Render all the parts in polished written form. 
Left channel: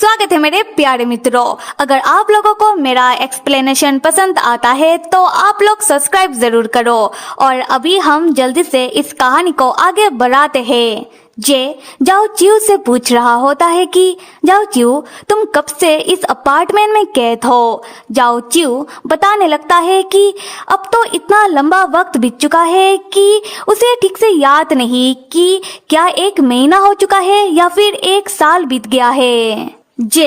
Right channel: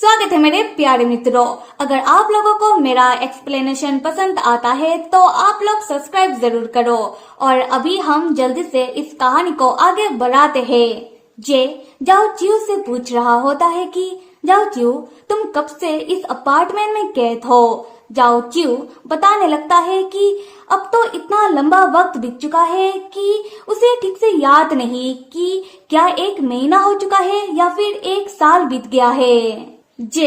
स्वागत है मेरे प्यारे मित्रों। अगर आप लोगों को मेरा एक्सप्लेनेशन पसंद आता है तो आप लोग सब्सक्राइब जरूर करो। और अभी हम जल्दी से इस कहानी को आगे बढ़ाते हैं। जे जाओ चिऊ से पूछ रहा होता है कि जाओ चिऊ, तुम कब से इस अपार्टमेंट में कैद हो। जाओ चिऊ बताने लगता है कि अब तो इतना लंबा वक्त बीत चुका है कि उसे ठीक से याद नहीं कि क्या 1 महीना हो चुका है या फिर 1 साल बीत गया है। जे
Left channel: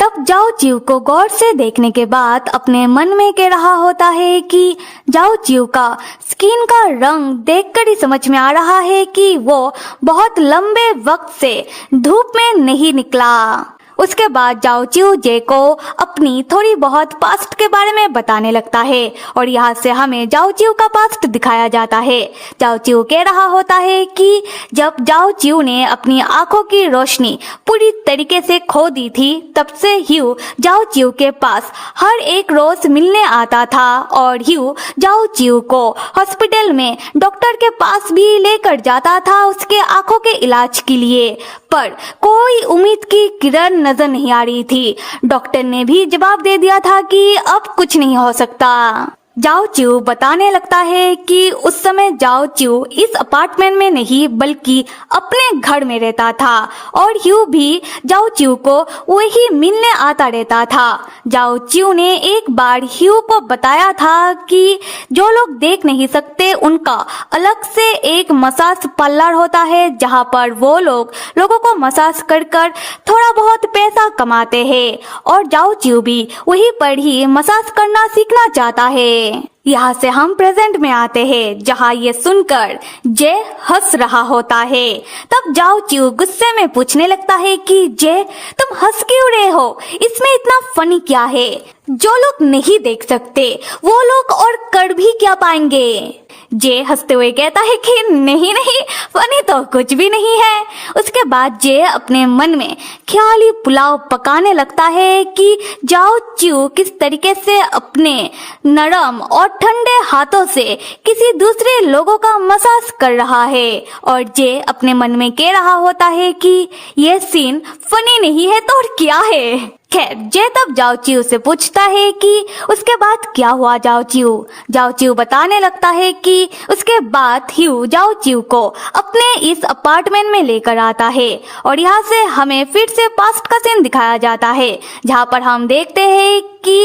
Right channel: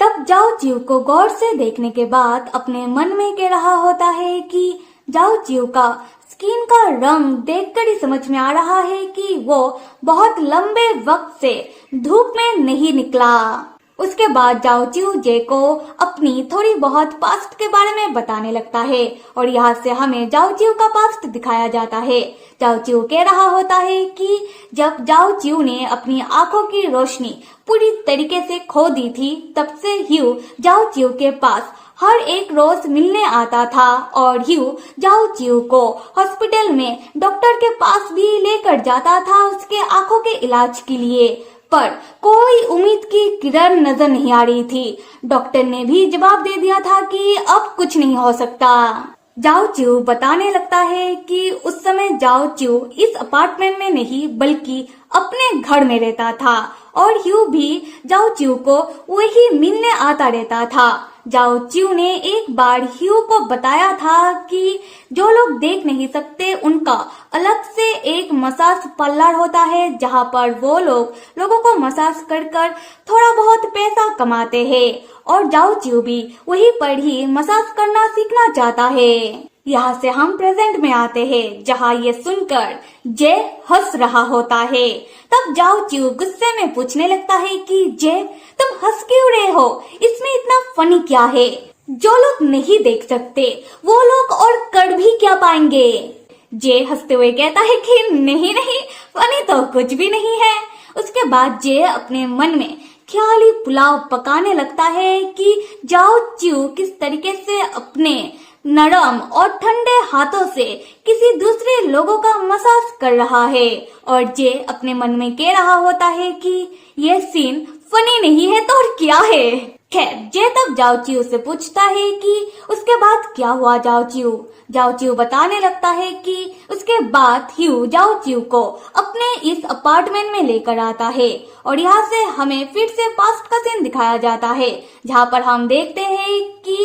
तब जाओ चिऊ को गौर से देखने के बाद अपने मन में कह रहा होता है कि जाओ चिऊ का स्किन का रंग देखकर ही समझ में आ रहा है कि वो बहुत लंबे वक्त से धूप में नहीं निकला। उसके बाद जाओ चिऊ जे को अपनी थोड़ी बहुत पास्ट के बारे में बताने लगता है और यहाँ से हमें जाओ चिऊ का पास्ट दिखाया जाता है। जाओ चिऊ कह रहा होता है कि जब जाओ चिऊ ने अपनी आंखों की रोशनी पूरी तरीके से खो दी थी तब से ह्यू जाओ चिऊ के पास हर एक रोज मिलने आता था और ह्यू जाओ चिऊ को हॉस्पिटल में डॉक्टर के पास भी लेकर जाता था उसके आंखों के इलाज के लिए, पर कोई उम्मीद की किरण नजर नहीं आ रही थी। डॉक्टर ने भी जवाब दे दिया था कि अब कुछ नहीं हो सकता। जाओ चिऊ बताने लगता है कि उस समय जाओ चिऊ इस अपार्टमेंट में नहीं बल्कि अपने घर में रहता था और ह्यू भी जाओ चिऊ को वही मिलने आता रहता था। जाओ चिऊ ने एक बार ह्यू को बताया था कि जो लोग देख नहीं सकते उनका अलग से एक मसाज पार्लर होता है जहां पर वो लोगों को मसाज कर कर थोड़ा बहुत पैसा कमाते हैं और जाओ चिऊ भी वहीं पर ही मसाज करना सीखना चाहता है। यहाँ से हम प्रेजेंट में आते हैं जहाँ ये सुनकर जे हंस रहा होता है। तब जाओ चिऊ गुस्से में पूछने लगता है कि जे तुम हंस क्यों रहे हो, इसमें इतना फनी क्या है। जो लोग नहीं देख सकते वो लोग और कर भी क्या पाएंगे। जे हंसते हुए कहता है कि नहीं नहीं, फनी तो कुछ भी नहीं है। उसके बाद जे अपने मन में ख्याली पुलाव पकाने लगता है कि जाओ चिऊ किस तरीके से अपने नरम और ठंडे हाथों से किसी दूसरे लोगों का मसाज कर रहा है और जे अपने मन में कह रहा होता है कि ये सीन फनी नहीं है तो और क्या है। खैर जे तब जाओ चिऊ से पूछता है कि उसके बाद क्या हुआ। जाओ चिऊ बताने लगता है कि उसके बाद ह्यू जाओ चिऊ को अपने इस अपार्टमेंट में लेकर आता है और यहाँ से हमें फिर से पास्ट का सीन दिखाया जाता है जहाँ पर हम देखते हैं कि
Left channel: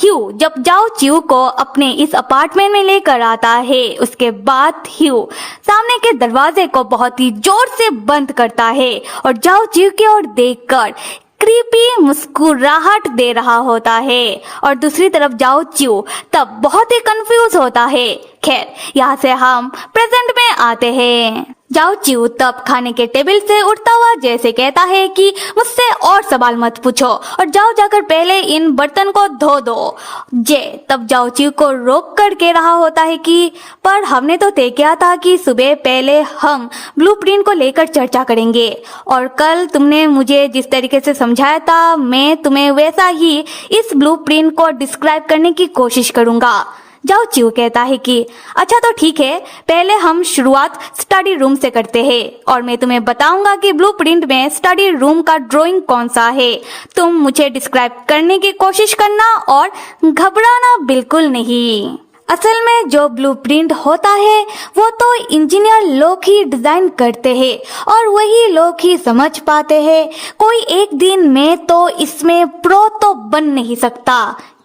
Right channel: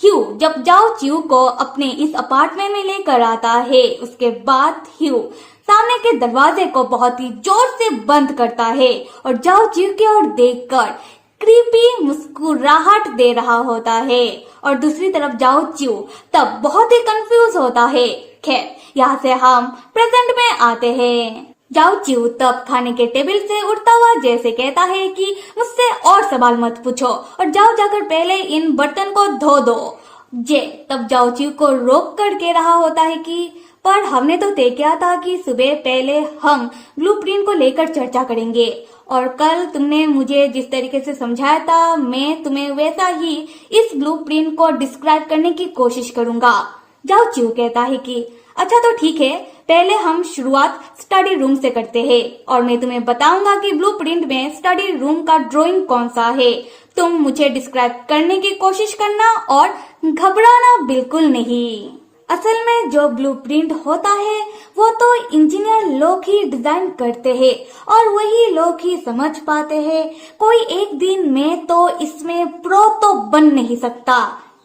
ह्यू जब जाओ चिऊ को अपने इस अपार्टमेंट में लेकर आता है उसके बाद ह्यू सामने के दरवाजे को बहुत ही जोर से बंद करता है और जाओ चिऊ की ओर देखकर क्रीपी मुस्कुराहट दे रहा होता है और दूसरी तरफ जाओ चिऊ तब बहुत ही कंफ्यूज होता है। खैर यहाँ से हम प्रेजेंट में आते हैं। जाओ चिऊ तब खाने के टेबल से उठता हुआ जैसे कहता है कि मुझसे और सवाल मत पूछो और जाओ जाकर पहले इन बर्तन को धो दो। जे तब जाओ चिऊ को रोक कर कह रहा होता है कि पर हमने तो तय किया था कि सुबह पहले हम ब्लूप्रिंट को लेकर चर्चा करेंगे और कल तुमने मुझे जिस तरीके से समझाया था मैं तुम्हें वैसा ही इस ब्लूप्रिंट को डिस्क्राइब करने की कोशिश करूंगा। जाओ चिऊ कहता है कि अच्छा तो ठीक है, पहले हम शुरुआत स्टडी रूम से करते हैं और मैं तुम्हें बताऊंगा कि ब्लूप्रिंट में स्टडी रूम का ड्राइंग कौन सा है। तुम मुझे डिस्क्राइब करने की कोशिश करना और घबराना बिल्कुल नहीं। असल में जो ब्लूप्रिंट होता है वो तो इंजीनियर लोग ही डिजाइन करते हैं और वही लोग ही समझ पाते हैं। कोई एक दिन में तो इसमें प्रो तो बन नहीं सकता।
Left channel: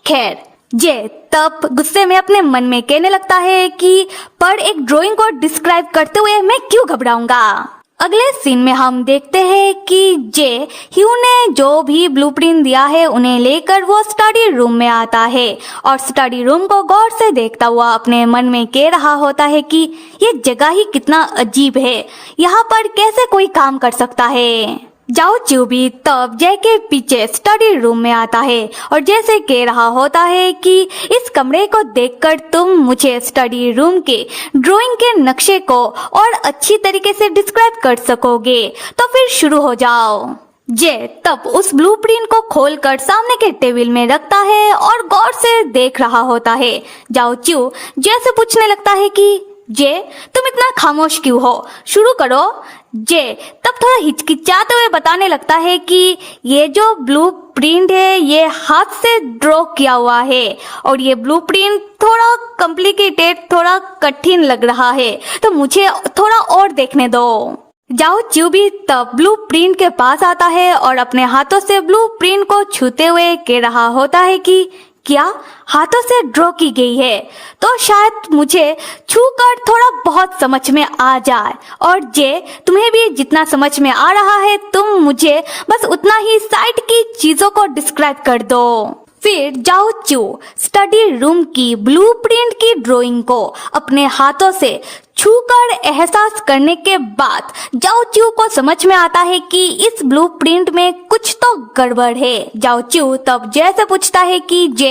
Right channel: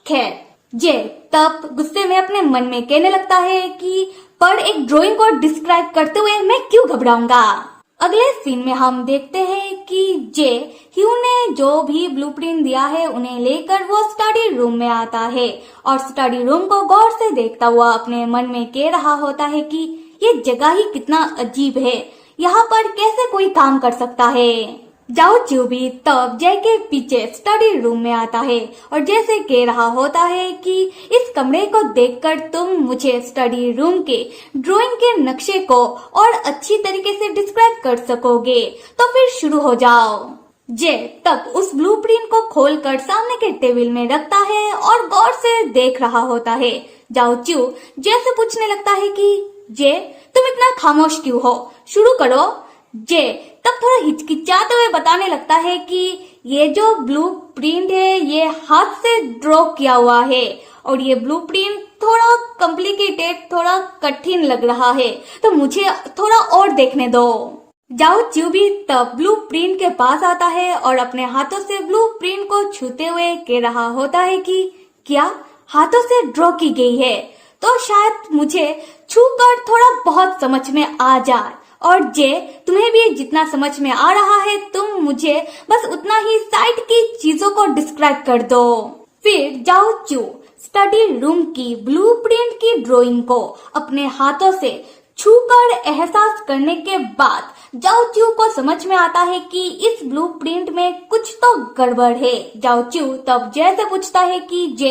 खैर जे तब गुस्से में अपने मन में कहने लगता है कि पर एक ड्राइंग को डिस्क्राइब करते हुए मैं क्यों घबराऊंगा। अगले सीन में हम देखते हैं कि जे ह्यू ने जो भी ब्लूप्रिंट दिया है उन्हें लेकर वो स्टडी रूम में आता है और स्टडी रूम को गौर से देखता हुआ अपने मन में कह रहा होता है कि ये जगह ही कितना अजीब है, यहाँ पर कैसे कोई काम कर सकता है। जाओ चिऊ भी तब जय के पीछे स्टडी रूम में आता है और जैसे कह रहा होता है कि इस कमरे को देखकर तुम मुझे स्टडी रूम के ड्राइंग के नक्शे को और अच्छी तरीके से डिस्क्राइब कर सकोगे, तो फिर शुरू हो जाओ। जे तब उस ब्लूप्रिंट को खोलकर सामने के टेबल में रखता है और गौर से देख रहा होता है। जाओ चिऊ जैसे पूछने लगता है कि जे तुम इतना खामोश क्यों हो, शुरू करो। जे तब थोड़ा हिचकिचाते हुए बताने लगता है कि ये जो ब्लू प्रिंट है ये हाथ से ड्रॉ किया हुआ है और ये ब्लू प्रिंट थोड़ा कॉम्प्लिकेटेड, थोड़ा कठिन लग रहा है, तो मुझे थोड़ा और देखने दो। जाओ चिऊ भी तब ब्लू प्रिंट के पास आता है और अपने हाथों से ब्लू प्रिंट को छूते हुए कह रहा होता है कि क्या हाथों से ड्रॉ की गई है, तो शायद मुझे छूकर थोड़ा बहुत समझ में आ जाए, और जे तुम्हें भी जितना समझ में आ रहा है तुम मुझे बस उतना ही साइड की चीजों को डिस्क्राइब कर दो। फिर जाओ चिऊ स्टडी रूम की ब्लूप्रिंट की ड्राइंग को अपने हाथों से छूकर एहसास करने के बाद जाओ चिऊ को समझ में आता है कि इस ब्लूप्रिंट में कुछ तो गड़बड़ है। जाओ चिऊ तब जैसे पूछता है कि जे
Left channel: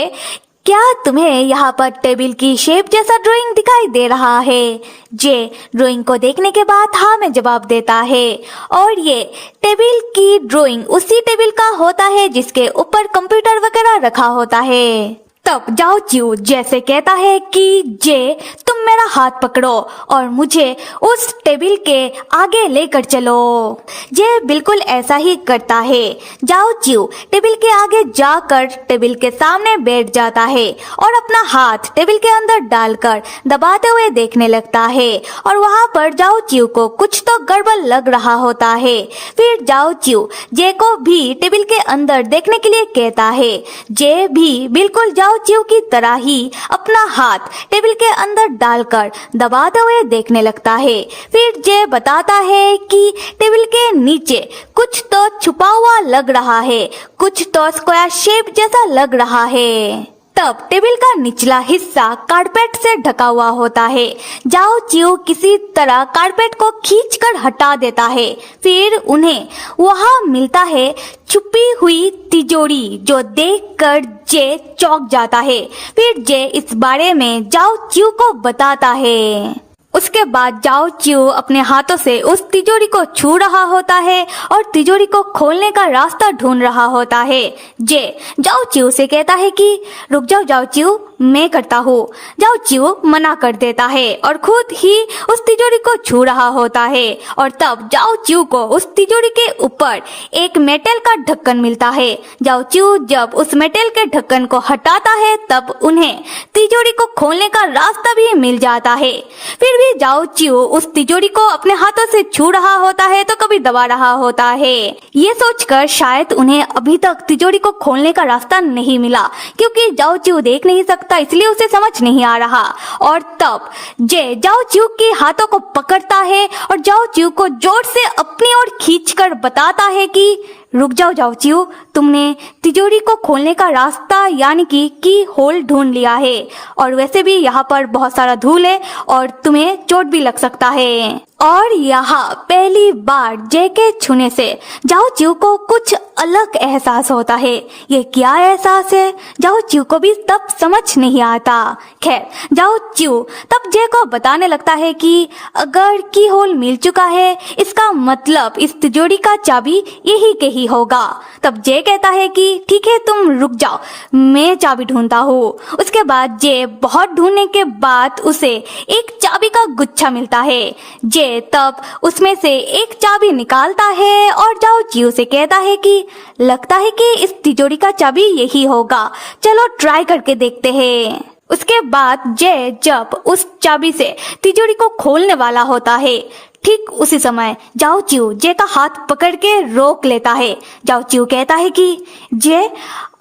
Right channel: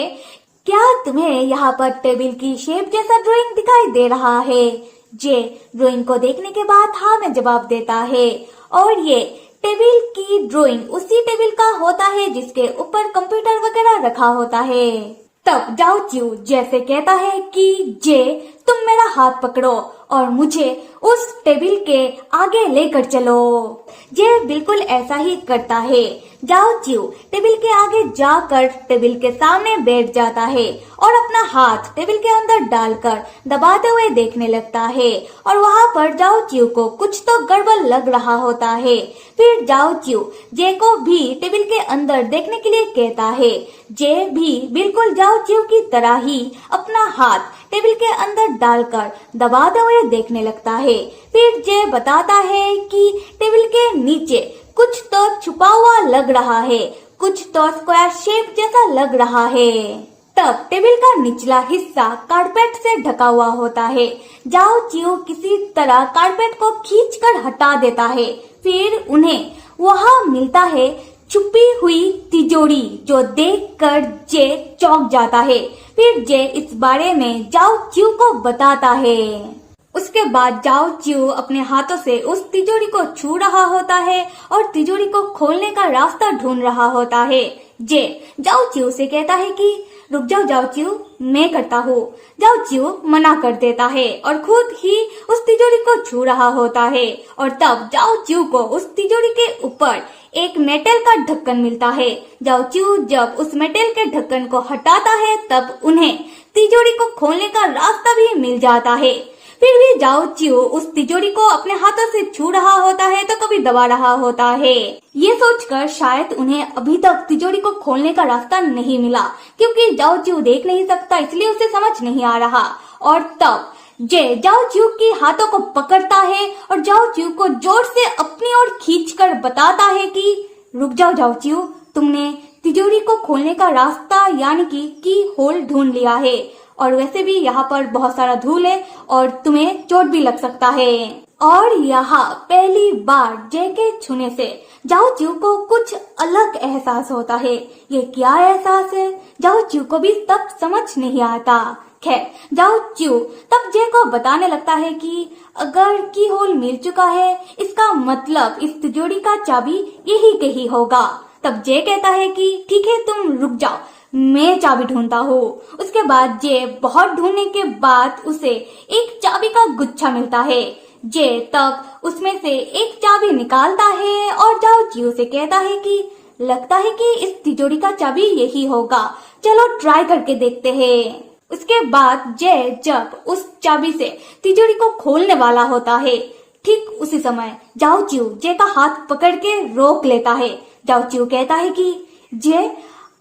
क्या तुम्हें यहाँ पर टेबल की शेप जैसा ड्राइंग दिखाई दे रहा है? जे ड्राइंग को देखने के बाद हाँ में जवाब देता है और ये टेबल की ड्राइंग उसी टेबल का होता है जिसके ऊपर कंप्यूटर वगैरह रखा होता है। तब जाओ चिऊ जैसे कहता है कि जे तुम मेरा हाथ पकड़ो और मुझे उस टेबल के आगे लेकर चलो। जे बिल्कुल ऐसा ही करता है। जाओ चिऊ टेबल के आगे जाकर टेबल के सामने बैठ जाता है और अपना हाथ टेबल के अंदर डालकर दबाते हुए देखने लगता है और वहाँ पर जाओ चिऊ को कुछ तो गड़बड़ लग रहा होता है। फिर जाओ चिऊ जे को भी टेबल के अंदर देखने के लिए कहता है। जे भी बिल्कुल जाओ चिऊ की तरह ही अपना हाथ टेबल के अंदर डालकर दबाते हुए देखने लगता है। फिर जे बताता है कि टेबल के नीचे कुछ तो छुपा हुआ लग रहा है, कुछ तो स्क्वायर शेप जैसा लग रहा है। तब टेबल का निचला हिस्सा कारपेट से ढका हुआ होता है। जाओ चिऊ किसी तरह कारपेट को खींचकर हटा देता है। फिर उन्हें वहां मिलता है छुपी हुई तिजोरी, जो देखकर जे चौंक जाता है। फिर जे इस बारे में जाओ चिऊ को बताता है। उसके बाद जाओ चिऊ अपने हाथों से उस तिजोरी को छू रहा होता है और तिजोरी को खोलने का रास्ता ढूंढ रहा होता है। जे जाओ चिऊ से कहता है कि रुक जाओ जाओ चिऊ, मैं करता हूँ। जाओ चिऊ मना कर देता है और खुद ही उस तिजोरी को छू रहा होता है और तब जाओ चिऊ को उस तिजोरी के ऊपर एक मेटल का ढक्कन मिलता है। जाओ चिऊ जब उस मेटल के ढक्कन को हटाता है तब उन्हें तिजोरी को खोलने का रास्ता भी मिल जाता है। फिर भी जाओ चिऊ उस तिजोरी को अपने हाथों से छू रहा होता है तो कभी दबा रहा होता है, ये सोचकर शायद उन्हें अभी तक तिजोरी को खोलने का रास्ता नहीं मिला, क्योंकि जाओ चिऊ देख नहीं सकता इसलिए उसे समझ नहीं आ रहा। और तब जे जाओ चिऊ के हाथों को पकड़ता है और जाओ चिऊ को जोर से अपनी ओर खींचकर बताता है कि रुक जाओ जाओ चिऊ, तुमने तिजोरी को खोलने का रास्ता यानी कि की होल ढूंढ लिया है और वैसे भी यहाँ पर बहुत सारा धूल है और तुम्हें चोट भी लग सकता है। और यहाँ पहली बार जे के छूने से जाओ चिऊ को कुछ अलग एहसास होता है। ये क्या एहसास है जाओ चिऊ को भी तब समझ नहीं आता। खैर जाओ चिऊ तब जे को बताने लगता है कि अगर की होल मिल चुका है इसका मतलब इस तिजोरी का चाबी यही के ही होगा। तब जे कहता है कि ठीक है तुम रुक जाओ, मैं चाबी ढूंढता हूँ। उसके बाद जे बहुत ढूंढने के बाद उसे एक चाबी का गुच्छा मिलता है। जे तब उसमें से एक चाबी निकालता है और जाओ चिऊ से कहता है कि लगता है कि इस तिजोरी का चाबी यही होगा, चलो ट्राई करके देखते हैं। उसके बाद जे जब उस चाबी से तिजोरी को खोलने वाला होता है ठीक उसी समय जाओ चिऊ जे का हाथ पकड़ के रोक लेता है। जाओ चिऊ कहता है कि जे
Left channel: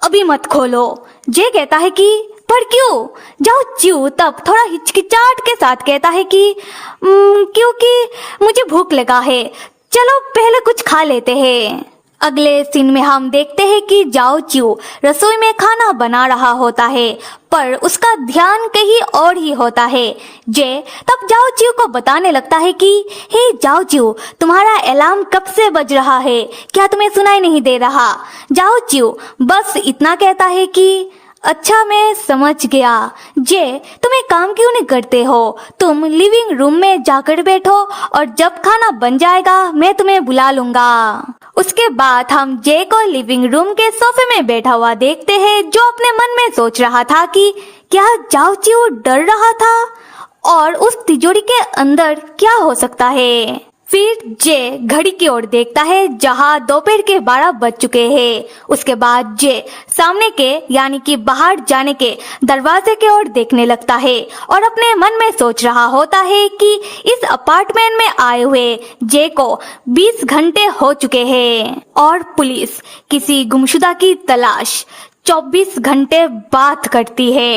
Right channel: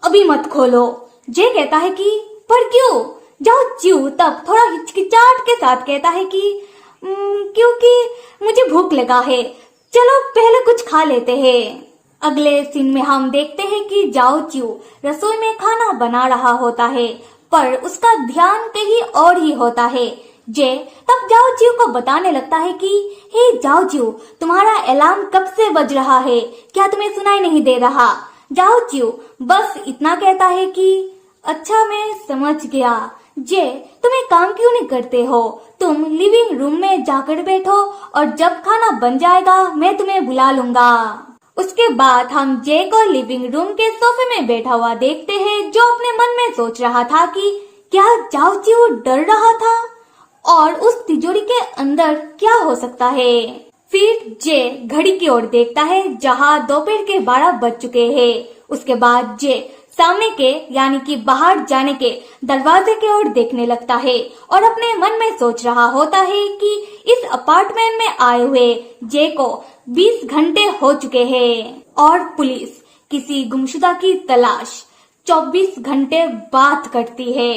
अभी मत खोलो। जे कहता है कि पर क्यों? जाओ चिऊ तब थोड़ा हिचकिचाहट के साथ कहता है कि क्योंकि मुझे भूख लगा है, चलो पहले कुछ खा लेते हैं। अगले सीन में हम देखते हैं कि जाओ चिऊ रसोई में खाना बना रहा होता है पर उसका ध्यान कहीं और ही होता है। जे तब जाओ चिऊ को बताने लगता है कि हे जाओ चिऊ, तुम्हारा अलार्म कब से बज रहा है, क्या तुम्हें सुनाई नहीं दे रहा? जाओ चिऊ बस इतना कहता है कि अच्छा मैं समझ गया। जे तुम एक काम क्यों नहीं करते हो, तुम लिविंग रूम में जाकर बैठो और जब खाना बन जाएगा मैं तुम्हें बुला लूंगा। उसके बाद हम जे को लिविंग रूम के सोफे में बैठा हुआ देखते हैं, जो अपने मन में सोच रहा था कि क्या जाओ चिऊ डर रहा था और उस तिजोरी के अंदर क्या हो सकता है। फिर जे घड़ी की ओर देखता है जहां दोपहर के 12 बज चुके हैं। उसके बाद जे सामने के यानी कि बाहर जाने के दरवाजे की ओर देखने लगता है और अपने मन में सोच रहा होता है कि इस अपार्टमेंट में आए हुए जे को 20 घंटे हो चुके हैं और पुलिस किसी गुमशुदा की तलाश 24 घंटे बाद करती है।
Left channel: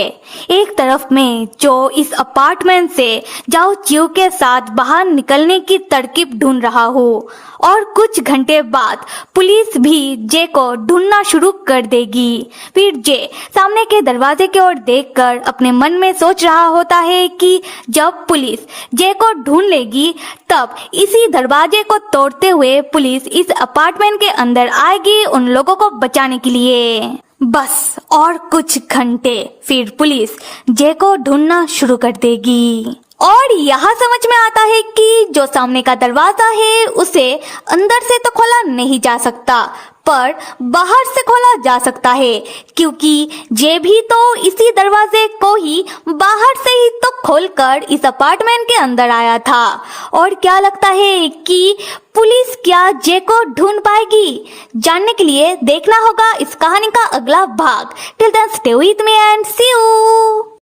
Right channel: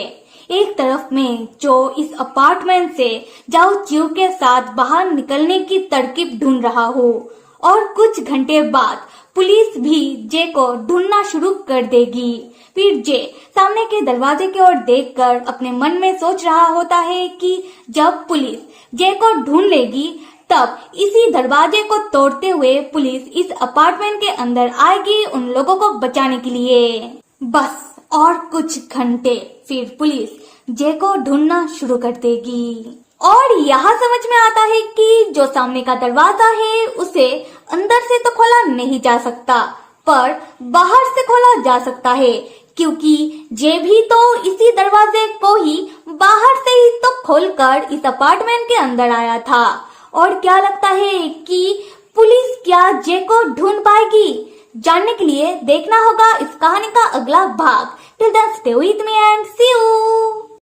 एक तरफ में जो इस अपार्टमेंट से जाओ चियो के साथ बाहर निकलने की तरकीब ढूंढ रहा हो और कुछ घंटे बाद पुलिस भी जे को ढूंढना शुरू कर देगी। फिर जे सामने के दरवाजे की ओर देखकर अपने मन में सोच रहा होता है कि जब पुलिस जे को ढूंढ लेगी तब इसी दरवाजे को तोड़ते हुए पुलिस इस अपार्टमेंट के अंदर आएगी उन लोगों को बचाने के लिए। बस और कुछ घंटे फिर पुलिस जे को ढूंढना शुरू कर देगी और यहाँ समझ में आता है कि जो सामने का दरवाजा है उसे अंदर से तो खोला नहीं जा सकता पर बाहर से खोला जा सकता है क्योंकि जे भी तो इसी दरवाजे को ही बाहर से ही तो खोलकर इस अपार्टमेंट के अंदर आया था। और क्या लगता है कि पुलिस क्या जे को ढूंढ पाएगी? जानने के लिए देखना होगा इस कहानी का अगला भाग। Till then stay with me and see you.